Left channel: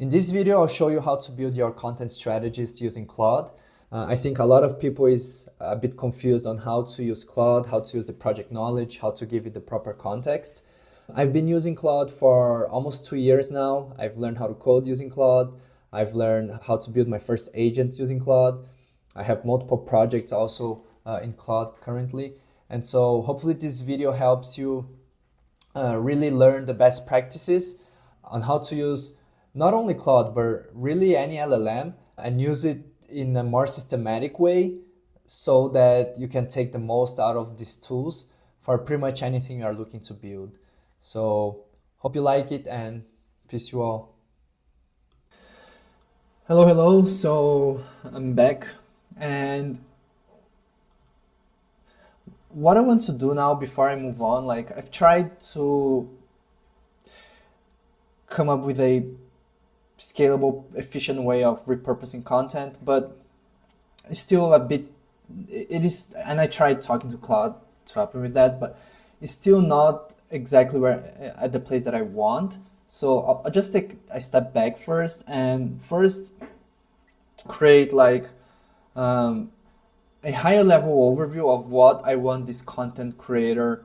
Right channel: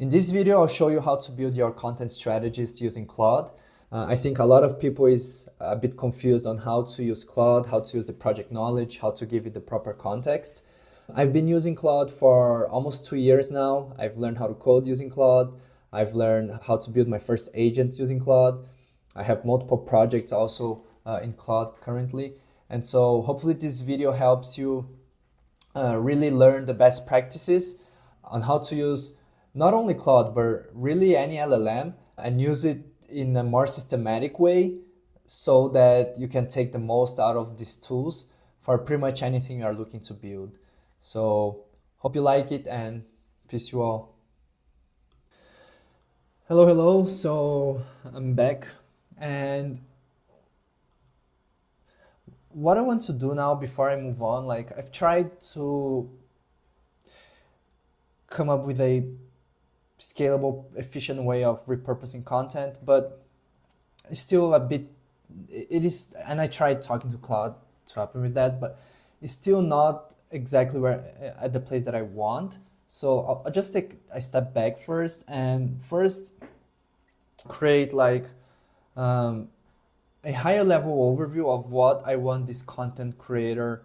In this video, I'll show you how to build your content strategist using Claude. I think a lot of people is a bit confused on how to use Claude, how to use the project knowledge, how to give it the proper context. I've been using Claude for almost 2 years now. I've learned how to code using Claude. I've learned how to build my first agent using Claude. I have multiple projects also in Claude currently. And so hopefully this video helps you really learn the best practices on how to use not only Claude, but really any LLM and use it in a more systematic way so that you can take the most out of these tools for pretty much anything you are looking to build. So hope you like it and peace you all. Hello. So I'm back, and what I want to do now before I move on, like I've tried to come up with a scalable, efficient way of repurposing content, but it's still a bit, it is, and I tried talking to Claude to help me with that, but it's still not exactly where at the place that I want. So I'll just take a step back first and create like a higher level overview of what I want this content creator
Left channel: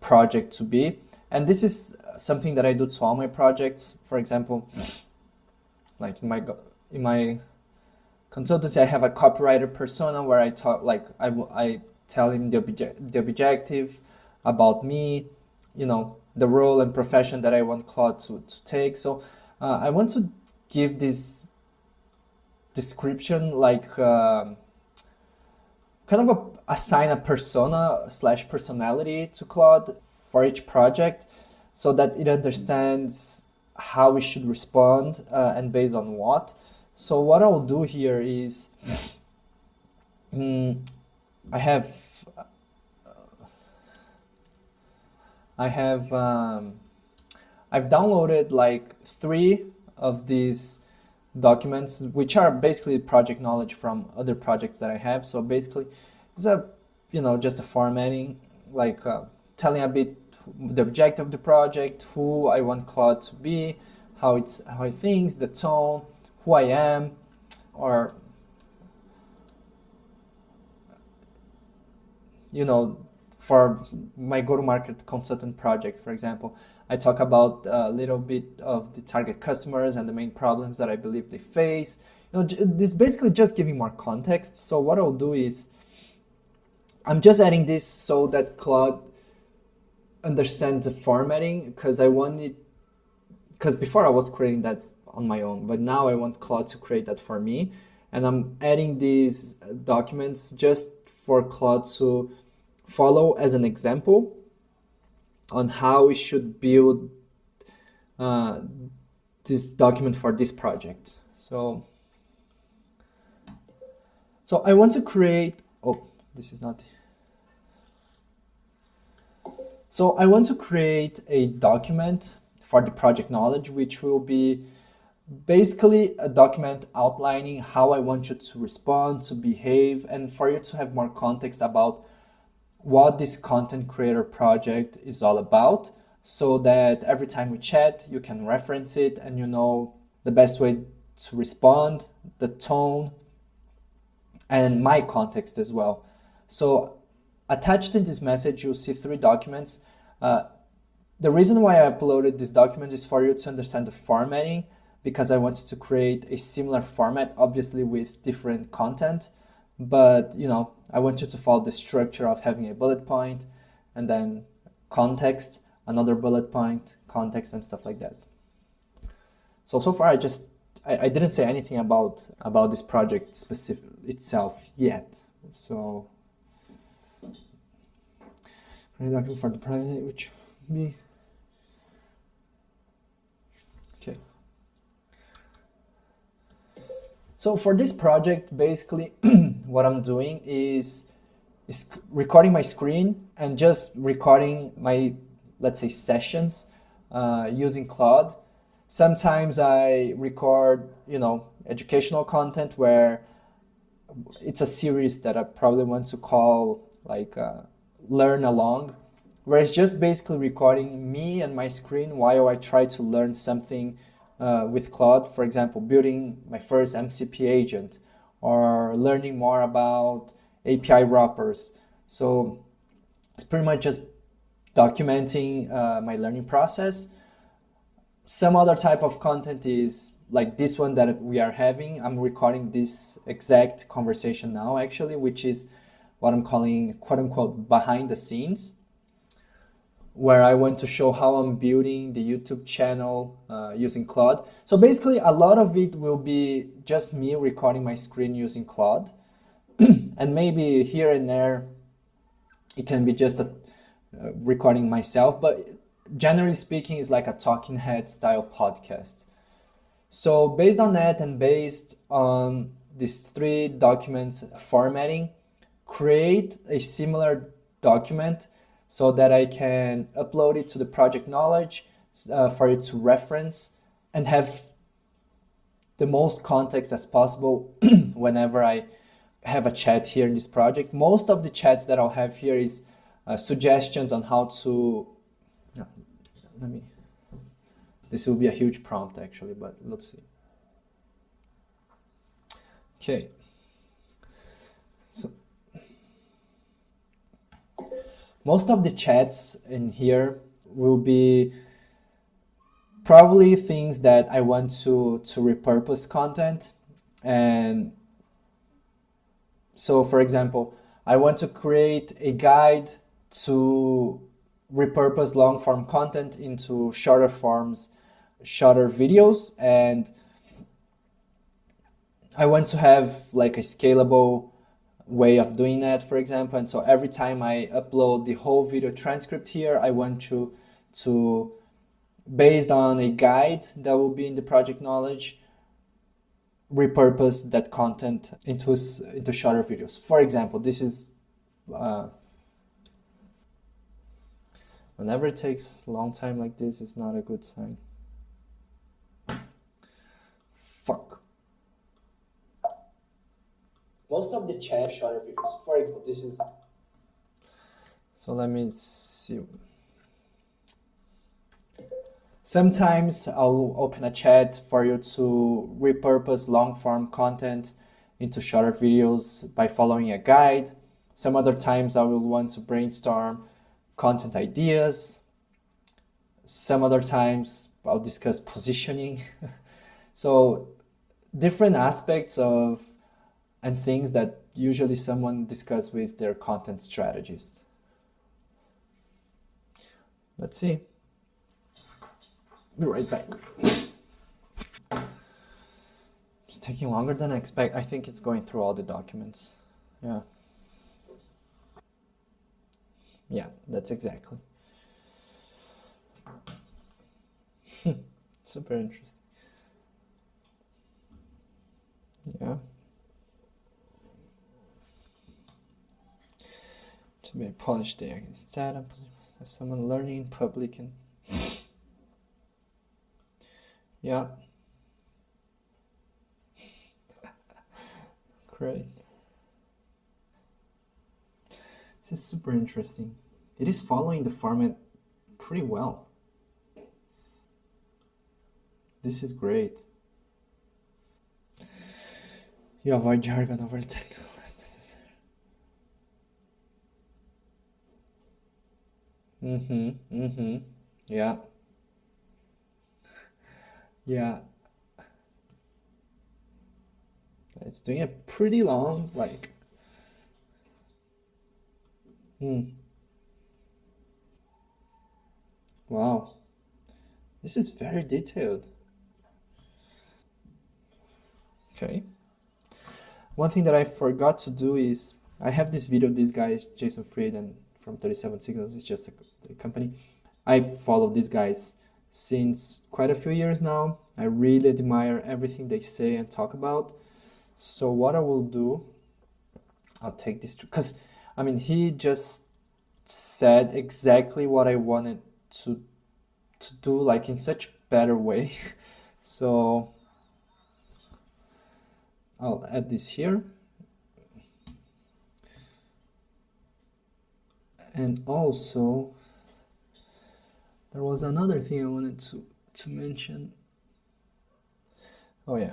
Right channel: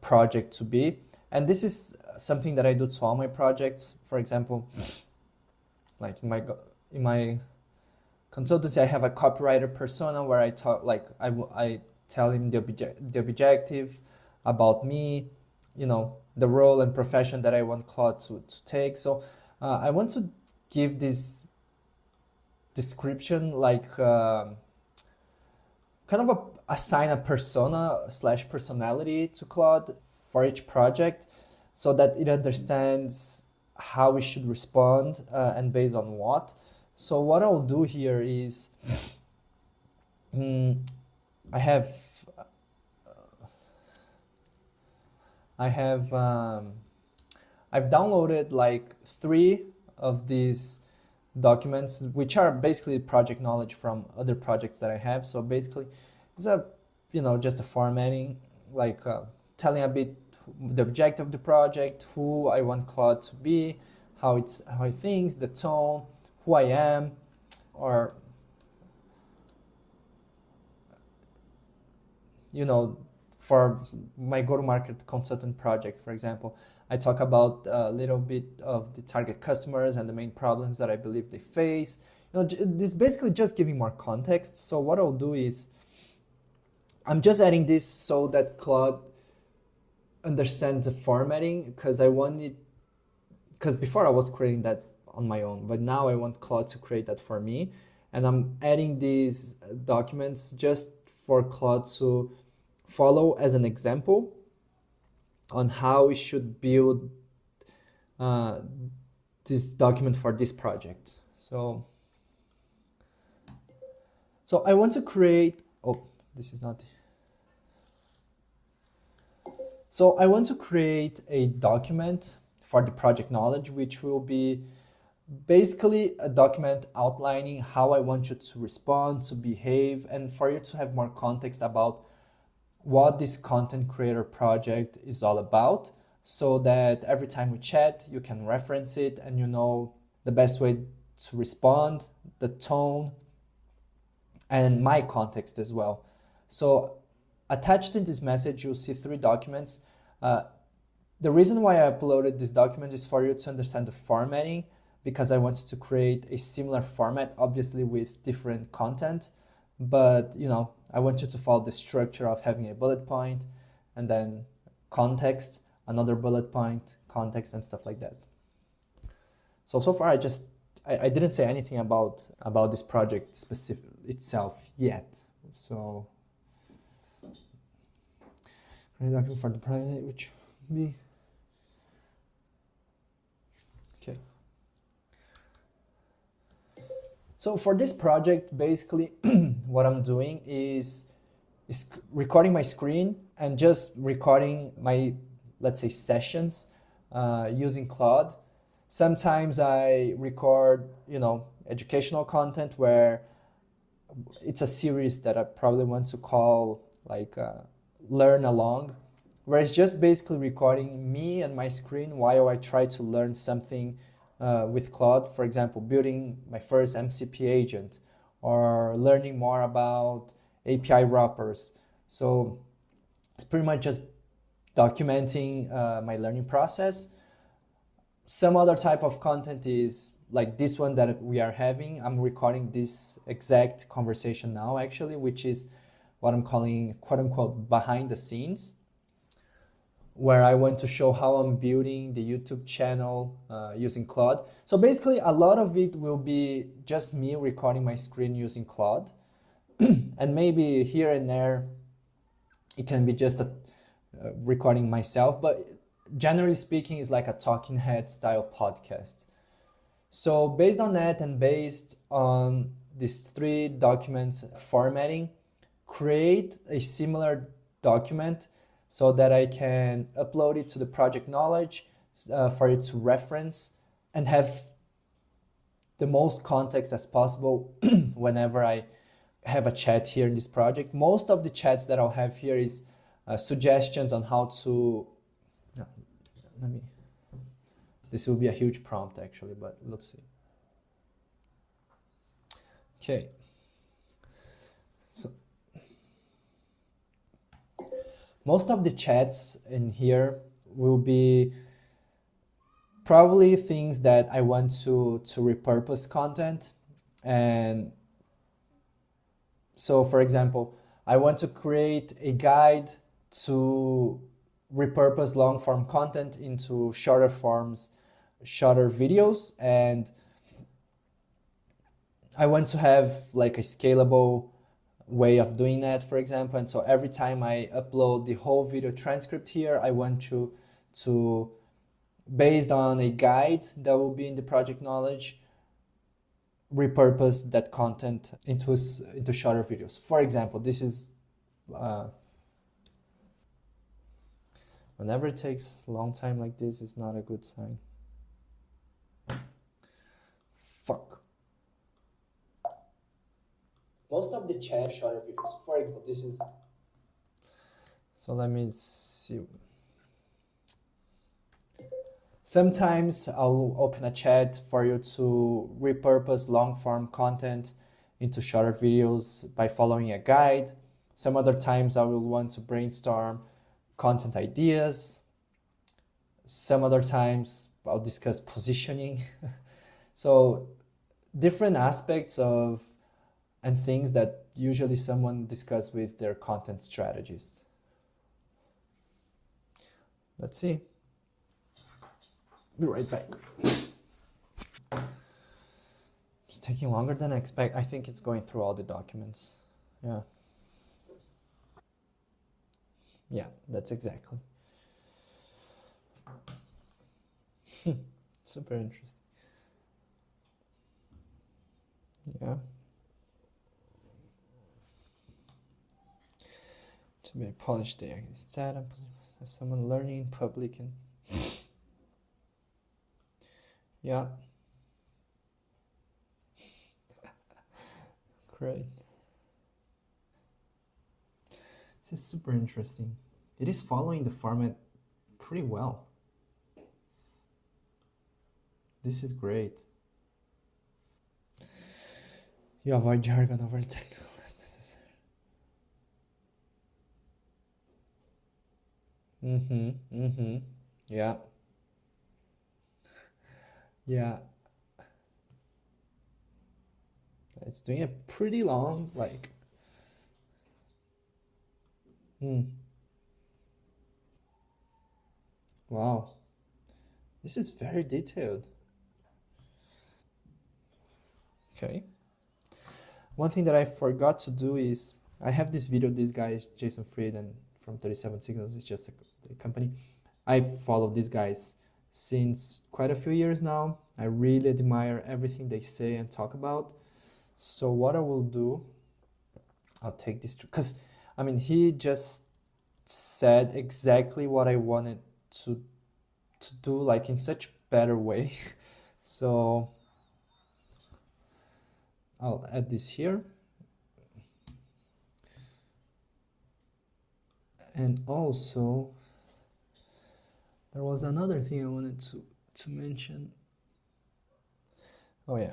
project to be. And this is something that I do to all my projects. For example, like in my consultancy, I have a copywriter persona where I talk, like I tell him the objective about me, you know, the role and profession that I want Claude to take. So I want to give this description, like kind of assign a persona / personality to Claude for each project so that it understands how we should respond and based on what. So what I'll do here is I've downloaded like 3 of these documents, which are basically project knowledge from other projects that I have. So basically it's just a formatting, like telling a bit the objective of the project, who I want Claude to be, how he thinks, the tone, who I am, or for my go-to-market consultant project, for example, I talk about a little bit of the target customers and the main problems that I believe they face. This basically just giving more context. So what I'll do is I'm just adding this so that Claude understands the formatting, because before I was creating that on my own, but now I want Claude to create that for me. And I'm adding these documents just for Claude to follow as an example on how we should build this document for this project. So I want to create, So I want to create a document for the project knowledge, which will be basically a document outlining how I want you to respond, to behave, and for you to have more context about what this content creator project is all about, so that every time we chat, you can reference it and you know the best way to respond, the tone, and my context as well. So attached in this message, you'll see 3 documents. The reason why I uploaded this document is for you to understand the formatting, because I wanted to create a similar format, obviously with different content, but I want you to follow the structure of having a bullet point and then context, another bullet point, context, and stuff like that. So far I didn't say anything about this project itself yet. So document for the project, which me. Okay. So for this project, basically what I'm doing is recording my screen and just recording my, let's say, sessions using Claude. Sometimes I record, educational content where it's a series that I probably want to call like learn along, where it's just basically recording me and my screen while I try to learn something with Claude, for example, building my first MCP agent or learning more about API wrappers. So it's pretty much just documenting my learning process. Some other type of content is like this one that we are having. I'm recording this exact conversation now, actually, which is what I'm calling quote unquote behind the scenes, where I want to show how I'm building the YouTube channel using Claude. So basically, a lot of it will be just me recording my screen using Claude. And maybe here and there, it can be just recording myself, but generally speaking, it's like a talking head style podcast. So based on that and based on these three documents formatting, create a similar document so that I can upload it to the project knowledge for it to reference and have the most context as possible whenever I have a chat here in this project. Most of the chats that I'll have here is suggestions on how to, no, let me, this will be a huge prompt actually, but let's see. Okay. So most of the chats in here will be probably things that I want to repurpose content. And so for example, I want to create a guide to repurpose long form content into shorter forms, shorter videos, and I want to have like a scalable way of doing that, for example. And so every time I upload the whole video transcript here, I want to based on a guide that will be in the project knowledge, repurpose that content into shorter videos. For example, this is whenever it takes a long time like this, it's not a good sign. Fuck. Most of the chat shorter videos. For example, this is. So let me see. Sometimes I'll open a chat for you to repurpose long form content into shorter videos by following a guide. Some other times I will want to brainstorm content ideas. Some other times I'll discuss positioning. So different aspects of and things that usually someone discuss with their content strategist. Let's see. Be right back. It's taking longer than I expect. I think it's going through all the documents. Yeah. Yeah, that's exactly. Super interesting. Yeah. To be polished there. Instead, someone learning in public and yeah. Great. This is super interesting. It is following the format pretty well. This is great. You avoid jargon over the technical as necessary. Yeah. Yeah. It's doing a pretty long, like. Wow. This is very detailed. Okay. One thing that I forgot to do is I have this video. This guy is Jason Fried and from 37 Signals. It's just a company. I follow these guys since quite a few years now. I really admire everything they say and talk about. So what I will do, I'll take this because I mean he just said exactly what I wanted to do, like in such better way. So I'll add this here. And also there was another thing I wanted to mention. Oh yeah.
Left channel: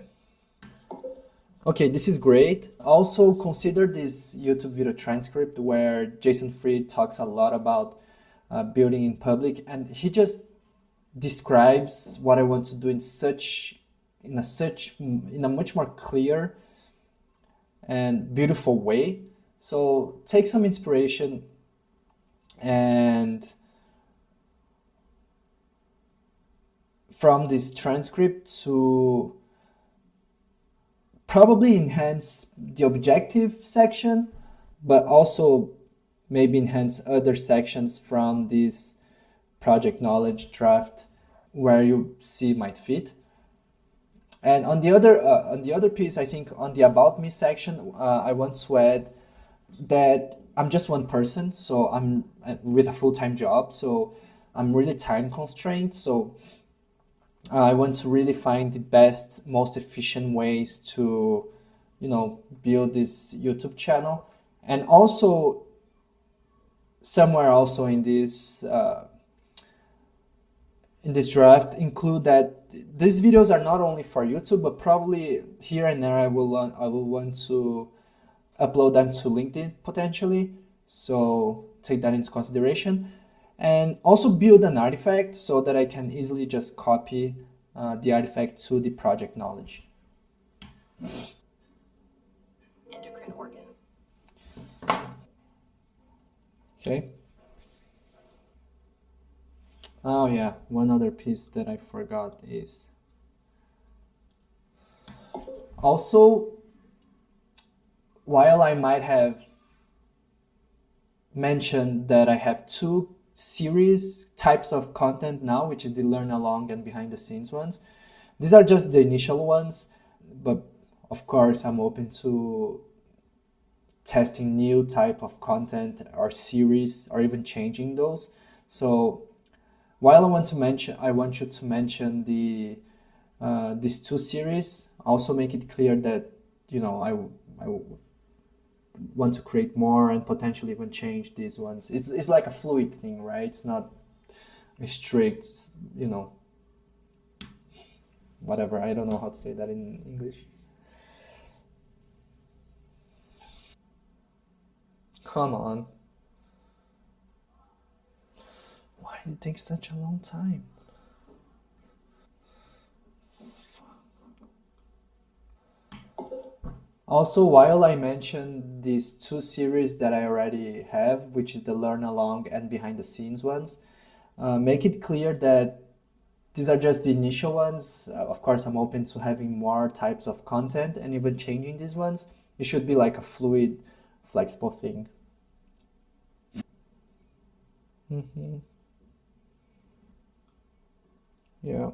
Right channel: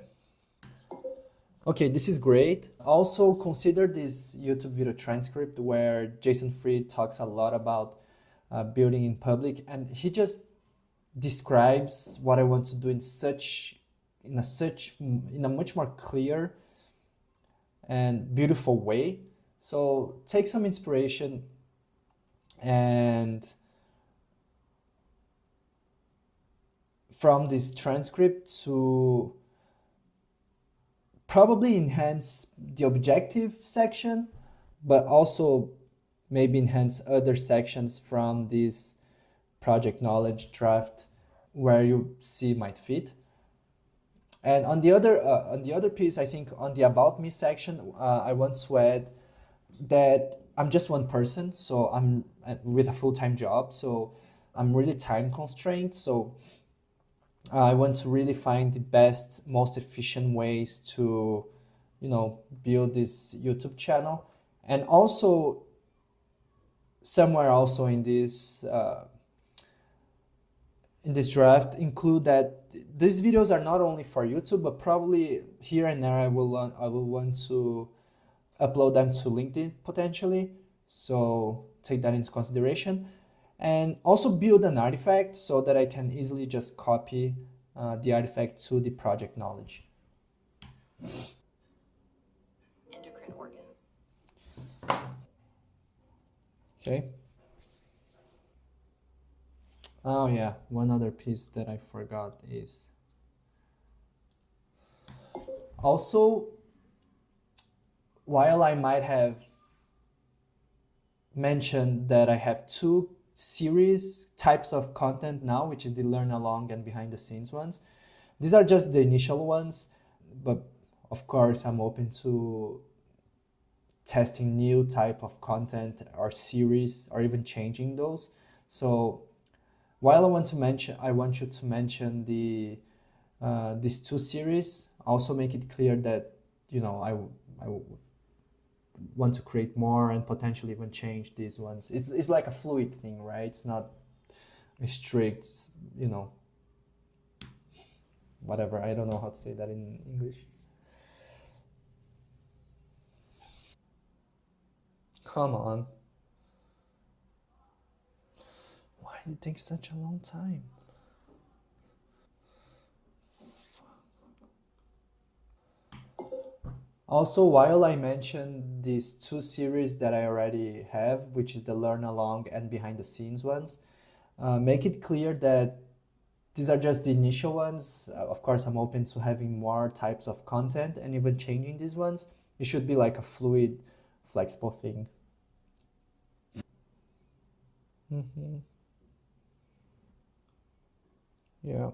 Okay, this is great. Also consider this YouTube video transcript where Jason Fried talks a lot about building in public, and he just describes what I want to do in a much more clear and beautiful way. So take some inspiration and from this transcript to probably enhance the objective section, but also maybe enhance other sections from this project knowledge draft where you see might fit. And on the other piece, I think on the about me section, I want to add that I'm just one person, so I'm with a full-time job, so I'm really time constrained. So I want to really find the best, most efficient ways to, build this YouTube channel, and also somewhere also in this draft include that these videos are not only for YouTube, but probably here and there I will want to upload them to LinkedIn potentially. So take that into consideration, and also build an artifact so that I can easily just copy the artifact to the project knowledge. Endocrine organ. Okay. Oh yeah, one other piece that I forgot is also, while I might have mentioned that I have two series types of content now, which is the learn along and behind the scenes ones. These are just the initial ones, but of course I'm open to testing new type of content or series or even changing those. So while I want you to mention these two series. Also make it clear that I want to create more and potentially even change these ones. It's like a fluid thing, right? It's not a strict, whatever. I don't know how to say that in English. Come on. Why did it take such a long time? Also, while I mentioned these two series that I already have, which is the learn along and behind the scenes ones, make it clear that these are just the initial ones. Of course, I'm open to having more types of content and even changing these ones. It should be like a fluid, flexible thing. Hmm. Yeah.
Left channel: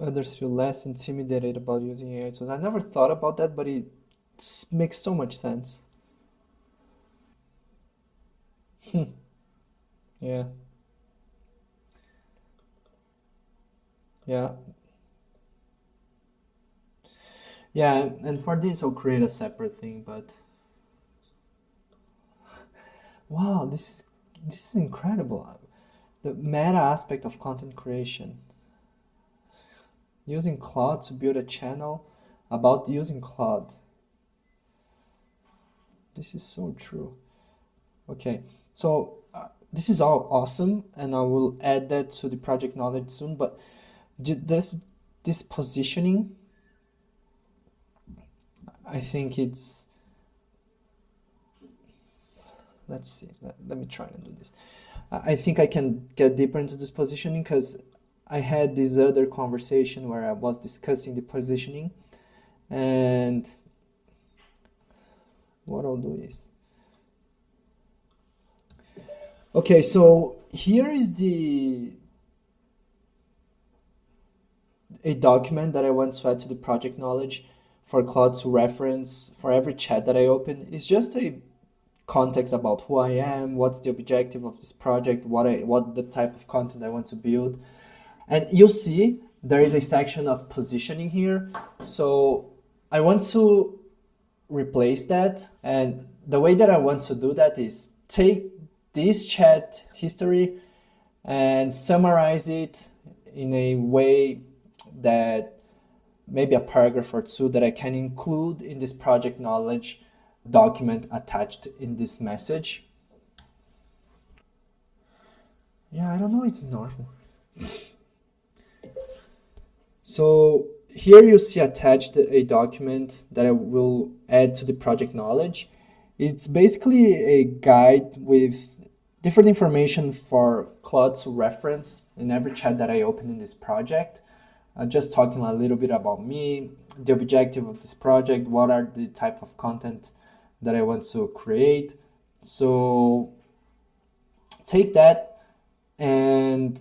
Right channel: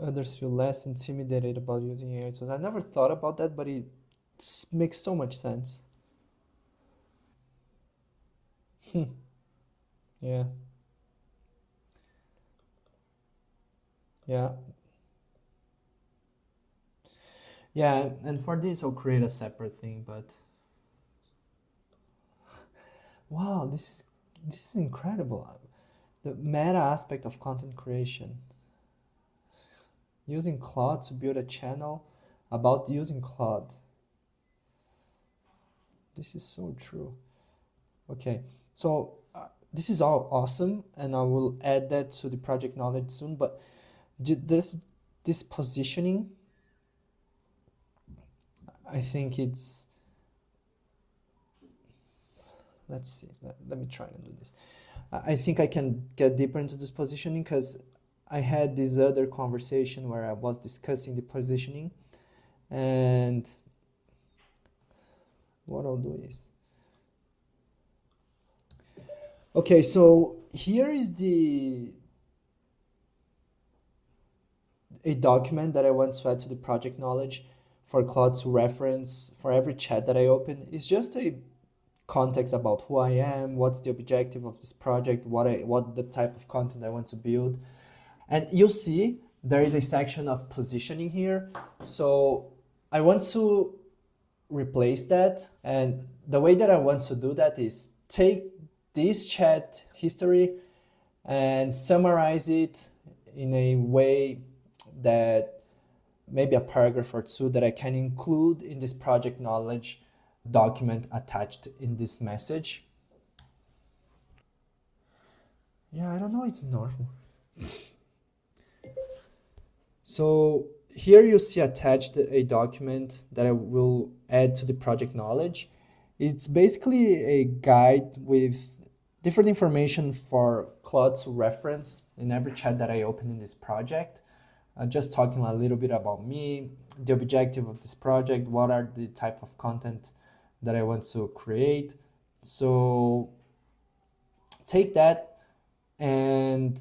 Others feel less intimidated about using AI tools. I never thought about that, but it makes so much sense. Yeah. Yeah. Yeah, and for this I'll create a separate thing, but wow, this is incredible. The meta aspect of content creation. Using Claude to build a channel about using Claude. This is so true. Okay, so this is all awesome, and I will add that to the project knowledge soon. But this positioning, I think it's. Let's see. Let me try and do this. I think I can get deeper into this positioning because I had this other conversation where I was discussing the positioning, and what I'll do is. Okay, so here is the a document that I want to add to the project knowledge for Claude to reference for every chat that I open. It's just a context about who I am, what's the objective of this project, what the type of content I want to build. And you'll see there is a section of positioning here. So I want to replace that. And the way that I want to do that is take this chat history and summarize it in a way that maybe a paragraph or two that I can include in this project knowledge document attached in this message. Yeah, I don't know, it's normal. So here you see attached a document that I will add to the project knowledge. It's basically a guide with different information for Claude to reference in every chat that I open in this project. Just talking a little bit about me, the objective of this project, what are the type of content that I want to create. So take that and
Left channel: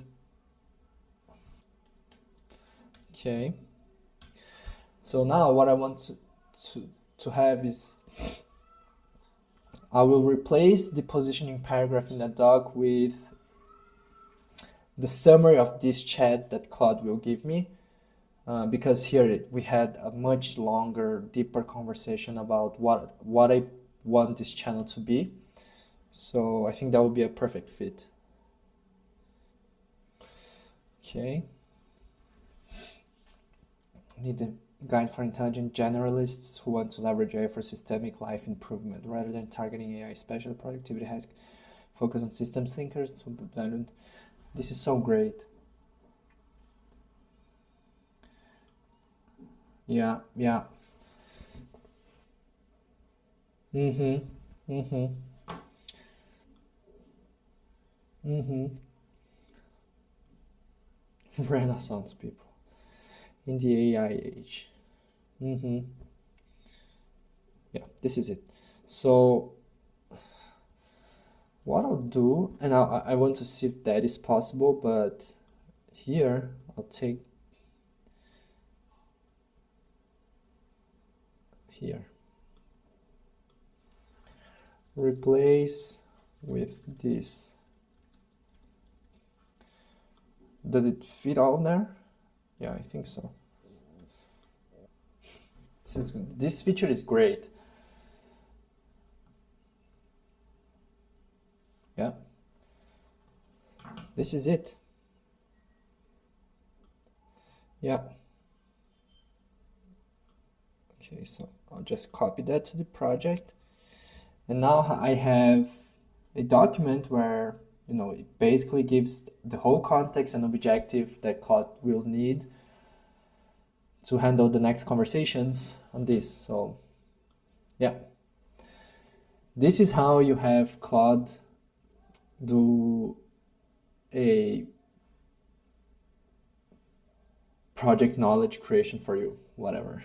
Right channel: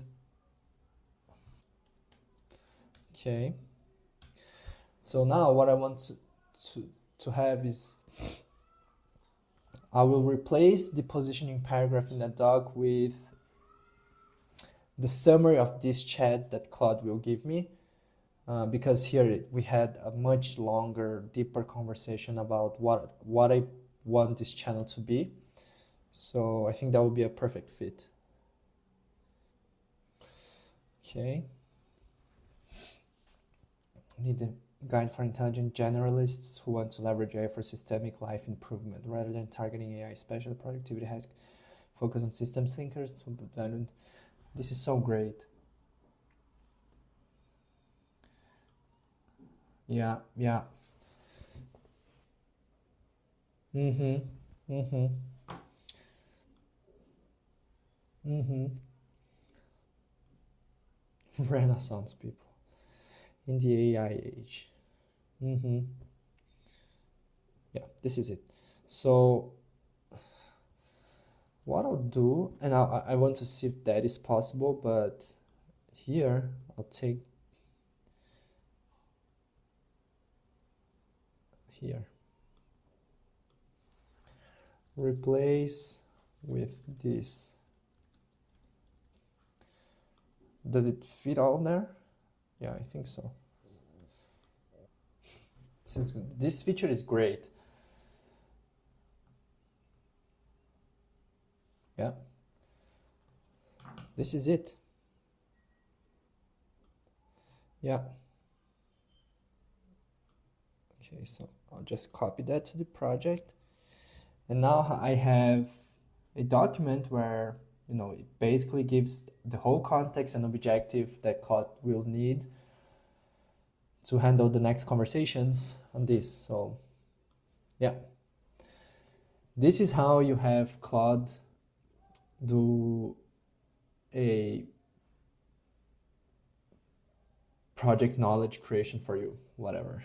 okay. So now what I want to have is I will replace the positioning paragraph in the doc with the summary of this chat that Claude will give me. Because here we had a much longer, deeper conversation about what I want this channel to be. So I think that would be a perfect fit. Okay. Need a guide for intelligent generalists who want to leverage AI for systemic life improvement rather than targeting AI, especially productivity hacks. Focus on systems thinkers. This is so great. Yeah, yeah. Mm-hmm. Mm-hmm. Mm-hmm. Renaissance people in the AI age. Mm-hmm. Yeah, this is it. So what I'll do, and I want to see if that is possible, but here I'll take here. Replace with this. Does it fit all there? Yeah, I think so. This feature is great. Yeah. This is it. Yeah. Okay, so I'll just copy that to the project. And now I have a document where, it basically gives the whole context and objective that Claude will need to handle the next conversations on this. So yeah, this is how you have Claude do a project knowledge creation for you, whatever.